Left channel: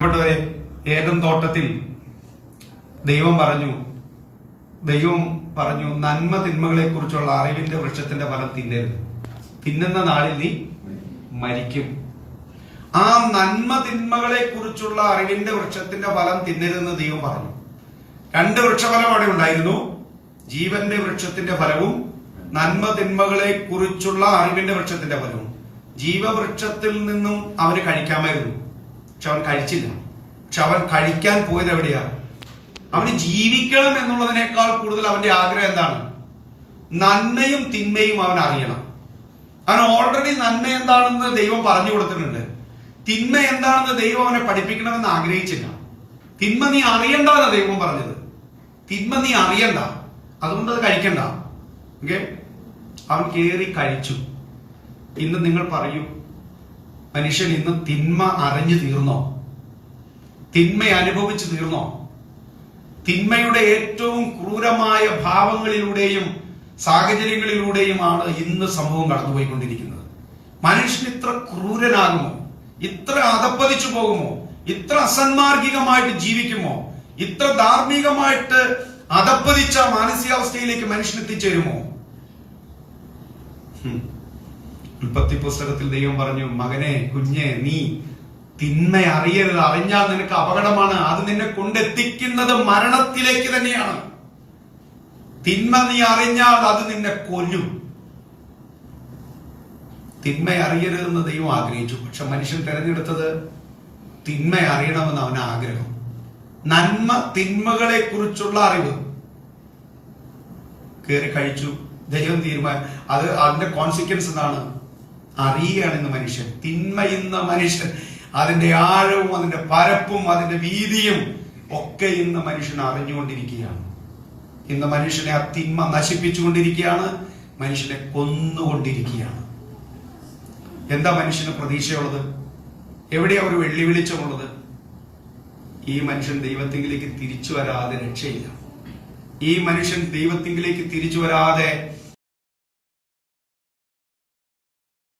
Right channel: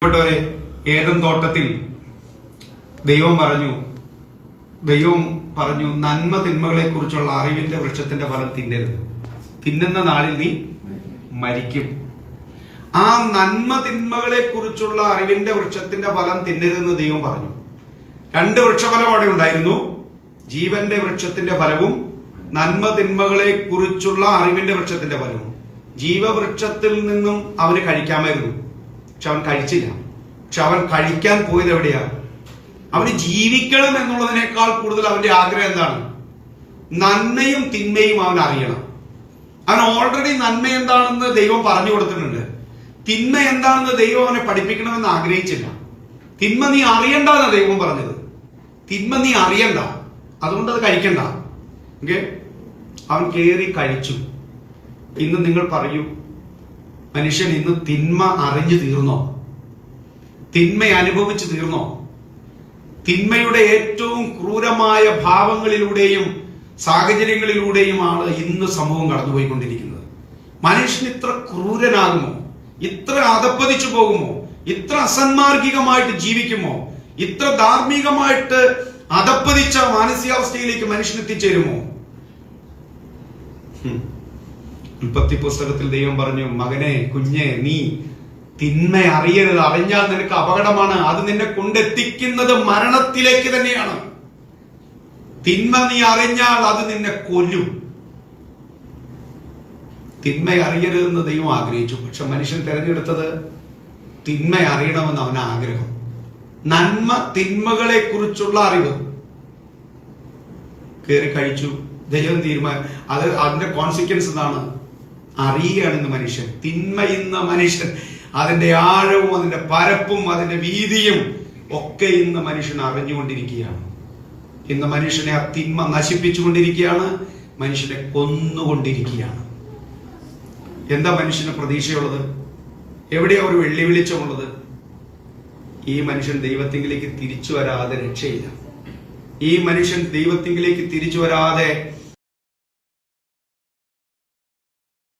പ്പെട്ടവരെ, Eden തോട്ടത്തിൽ ദൈവം പറഞ്ഞു നന്മ തിന്മകളെ കുറിച്ചുള്ള അറിവിന്റെ വൃക്ഷത്തിന്റെ ഫലം തിന്നരുത്, തിന്നുന്ന നാളിൽ നീ മരിക്കും. ആ നന്മ തിന്മകളെ കുറിച്ചുള്ള അറിവിന്റെ വൃക്ഷത്തിന്റെ ഫലം തിന്നരുതെന്ന് ദൈവം പറഞ്ഞു. രണ്ട് വൃക്ഷഫലം അവിടെ ഉണ്ടായിരുന്നു, ജീവന്റെ വൃക്ഷത്തിന്റെ ഫലവും നന്മ തിന്മകളെ കുറിച്ചുള്ള അറിവിന്റെ വൃക്ഷത്തിന്റെ ഫലവും. ജീവവൃക്ഷത്തിൽ നിന്നും അവന് കഴിക്കാമായിരുന്നു, പക്ഷെ അവൻ കഴിച്ചില്ല. പക്ഷെ അവൻ കഴിക്കാൻ പോയത് എവിടെയാ? അവന് ജീവിക്കണം എന്നുള്ളതിനേക്കാൾ കൂടുതൽ അവന്റെ ആഗ്രഹം എന്താണ്? നന്മയും തിന്മയും അവൻ അറിയണം. അവൻ ഓൾറെഡി നന്മ എന്താണെന്ന് ദൈവം പറഞ്ഞു കൊടുത്തിട്ടുണ്ട്, തിന്മ എന്താണെന്ന് ദൈവം അവനെ പഠിപ്പിക്കണമെന്ന് ആഗ്രഹിച്ചില്ല. തിന്മ നീ അറിയണ്ടെന്ന് ദൈവം പറഞ്ഞത്, തിന്മ നീ അറിയണ്ട, അതുകൊണ്ട് അത് കഴിക്കണ്ട. അവൻ കേറി കഴിച്ചു. ഇന്ന് നിങ്ങൾ പറയൂ, മനുഷ്യൻ ഇന്ന് തിന്മ അറിഞ്ഞു തീർന്നോ? തിന്മ അനുഭവിച്ചു തീർന്നോ? തിന്മയുടെ ഏറ്റവും ക്രൂരമായ ഭാവങ്ങളിലൂടെയും സാഹചര്യങ്ങളിലൂടെയുമാണ് ഇന്ന് സമൂഹം കടന്നുപോയിക്കൊണ്ടിരിക്കുന്നത്. മനുഷ്യൻ ഇത്ര ക്രൂരനാകുമോ? ഇത്ര അധപ്പതിച്ചു പോകുമോ? ഇത്ര അസന്മാർഗികമായിട്ട് ജീവിക്കുമോ? ഇത്ര ധാർമ്മികമായിട്ട് അധപ്പതിച്ച മാനസികാവസ്ഥയിലേക്ക് മനുഷ്യൻ എത്തിച്ചേരുമോ? ഉൽപ്പത്തി പുസ്തകത്തിൽ ദൈവം പറഞ്ഞു, മകനെ, കുഞ്ഞെ, നീ തിന്മ അറിയരുത്, അറിഞ്ഞാൽ നിനക്ക് അപകടമാണ്, അത് നിന്നെ കൊണ്ടെത്തിക്കുന്നത് മരണത്തിലേക്ക് തന്നെയാണ്. തിന്മ നീ അറിഞ്ഞാൽ അത് നിന്നെ കൊല്ലും. തിന്മ അറിയരുതെന്ന് ദൈവം ആഗ്രഹിച്ചു, പക്ഷെ മനുഷ്യൻ തിരഞ്ഞെടുത്തത് തിന്മ അറിയണമെന്ന് അവന് ആഗ്രഹം. നന്മ തിന്മകളെ കുറിച്ചുള്ള അറിവ് കയറി കഴിച്ചു. ദൈവം അതിന്റെ കോൺസിക്വൻസ് എന്താണ്? അറിയുകയാണെന്ന് മനുഷ്യൻ. തിന്മ ഇന്ന് മനുഷ്യൻ അതിന്റെ ആഴവും അതിന്റെ പരപ്പും അതിന്റെ വീതിയും ഒക്കെ ഇന്ന് മനുഷ്യൻ അറിഞ്ഞുകൊണ്ടിരിക്കുകയാണ്. ഇന്ന് മനുഷ്യനെ ആ തിന്മ നശിപ്പിച്ചുകൊണ്ടിരിക്കുകയാണ്, മനുഷ്യനെ കൊന്നുകൊണ്ടിരിക്കുകയാണ്. എന്താ മനുഷ്യന് പ്രതീക്ഷയുള്ളത്? എവിടെയാ ഒരു വെള്ളിവിളിച്ചമുള്ളത്? ഈ മനുഷ്യൻ ദൈവത്തിങ്കിലേക്ക് തിരിച്ചു വരാതെ രക്ഷയില്ല. ഈ മനുഷ്യൻ ദൈവത്തിങ്കിലേക്ക് തിരിച്ചു വരാതെ